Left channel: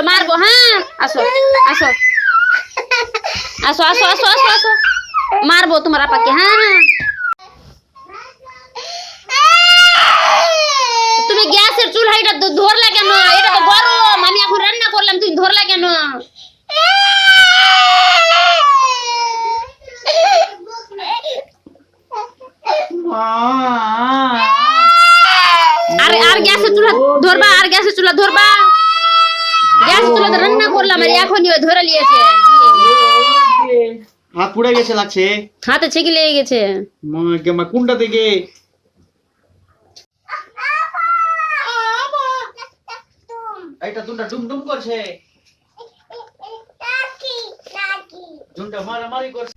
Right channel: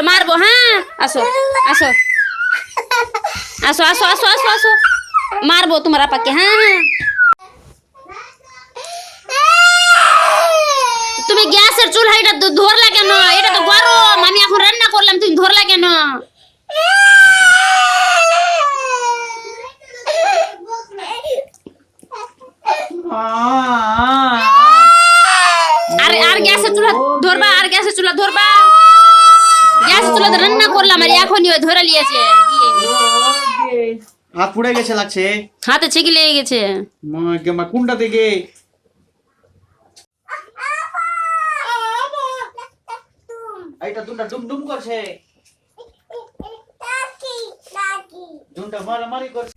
চলো মারবো। হ্যাঁ আসো আসো আসো আসো আসো আসো আসো মারবো তোমার আপাকে। হ্যাঁ তুমি গ্যাসের চুলাইটা ধরলা কেন? এটা তো গরম, আমি এখন রান্না করলাম, তুমি ধরলা কেন? আর গ্যাসের চুলা ধরবা, আর গ্যাসের চুলা ধরবা। গ্যাসের চুলা রান্না করলাম আর এখনই ওই ধরে নিয়েছে। হাত পুড়ে গেছে লাগছে, হাতে ছেঁকে লেগে গেছে। কোনটা থেকে? এইটা দুটা ডুম ডুম করছে, দুটা মারামারি করছে।